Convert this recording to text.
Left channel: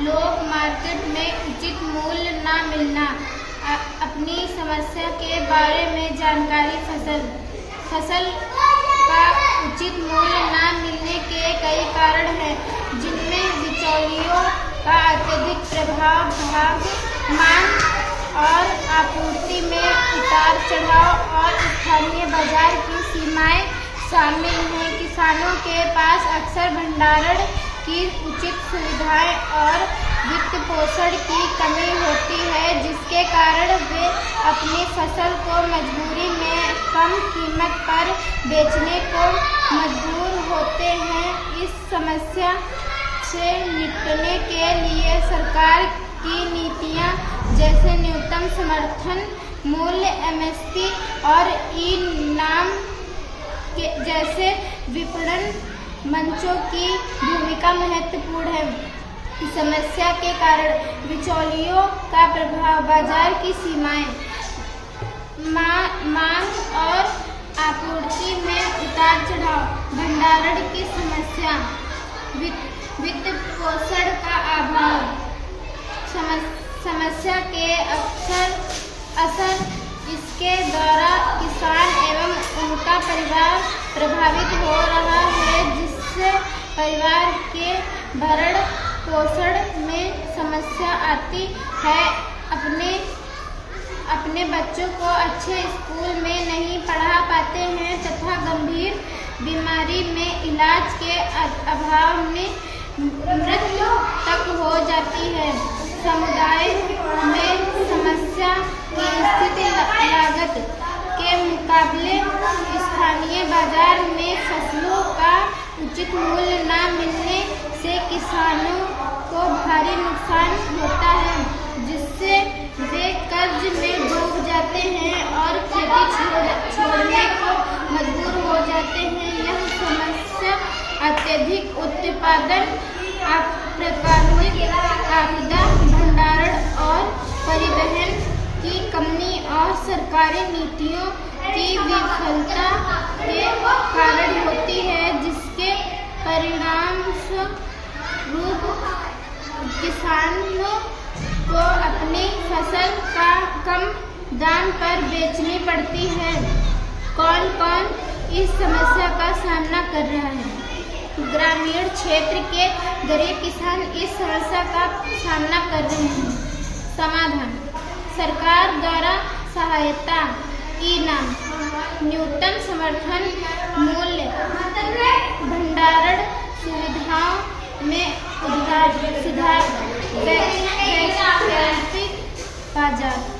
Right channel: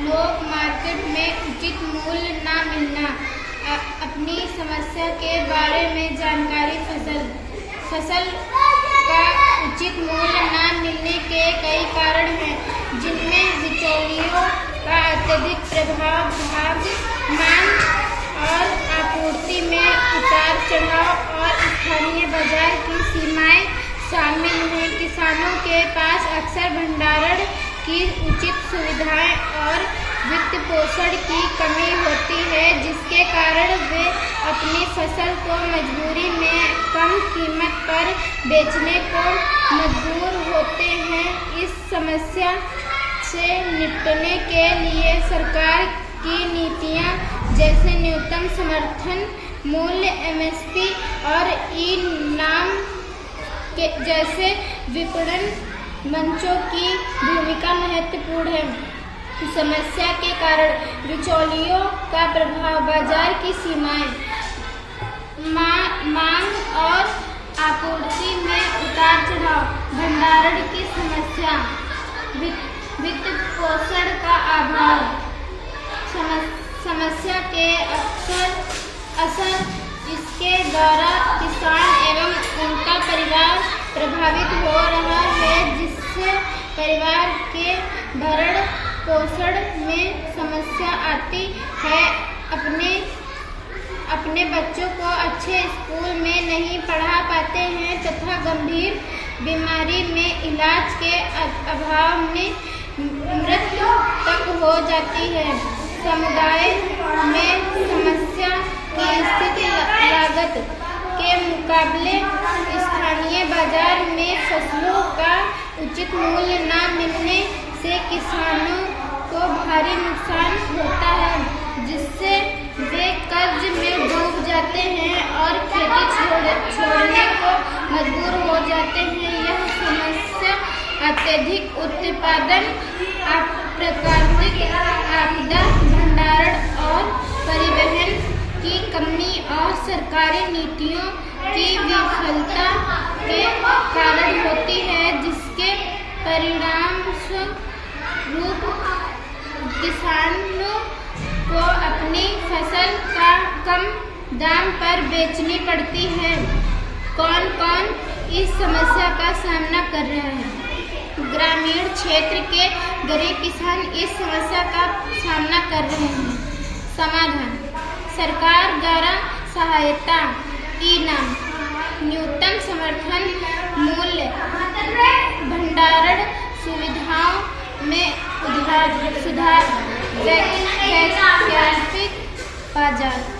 लोग मार्केट में उचित मूल्य न मिलना, अपनी समस्या के बारे में जानकारी, फसल का उचित मूल्य न मिलने के कई कारण हैं, जिनमें बिचौलियों का अत्यधिक प्रभाव, मांग और आपूर्ति में उतार चढ़ाव और स्थानीय बाजार की सीमाएं शामिल हैं। किसानों के पास अक्सर भंडारण की उचित सुविधाएं और वित्त पोषण की कमी होती है, जिसके कारण वे अपनी फसल को मजबूरी में कम कीमत पर बेचने को मजबूर होते हैं। इस समस्या से निपटने के लिए सरकार की नीतियां जैसे न्यूनतम समर्थन मूल्य (MSP) और ई-नाम जैसे विपणन मंचों की भूमिका महत्वपूर्ण है। समस्या के कारण बिचौलियों का प्रभाव, बाजार की सीमाएं, मांग और आपूर्ति में उतार चढ़ाव, भंडारण की समस्या, वित्त पोषण का अभाव। समस्या के असर इसके द्वारा किसान एवं उनका परिवार प्रभावित हो रहा है, जिससे परिवार के भरण पोषण में समस्या आती है, अपने बच्चों को अच्छे स्कूल में नहीं पढ़ा पाते हैं तथा गंभीर बीमारी में इलाज के अभाव में मृत्यु तक हो जाती है। समुदाय में समस्या की स्थिति लागत के मुकाबले स्थानीय बाजार में फसलों का उचित मूल्य न मिलने से किसानों को भारी नुकसान होता है, जिससे वे कर्ज में डूब जाते हैं और खेती छोड़ने को मजबूर हो जाते हैं। यह समस्या अत्यधिक उत्पादन, प्राकृतिक आपदा, भंडारण और परिवहन की कमी और सरकारी नीतियों की विफलता के कारण होती है, जिसके परिणामस्वरूप किसानों को अपनी फसल का कम दाम पर बेचनी पड़ती है। कौन कौन इस समस्या का सामना कर रहा है? ग्रामीण क्षेत्र के गरीब किसान इस समस्या का सामना कर रहे हैं। समाधान: सरकार द्वारा सहायता, ई-नाम, न्यूनतम समर्थन मूल्य, भंडारण सुविधाओं में सुधार, वैकल्पिक बाजार।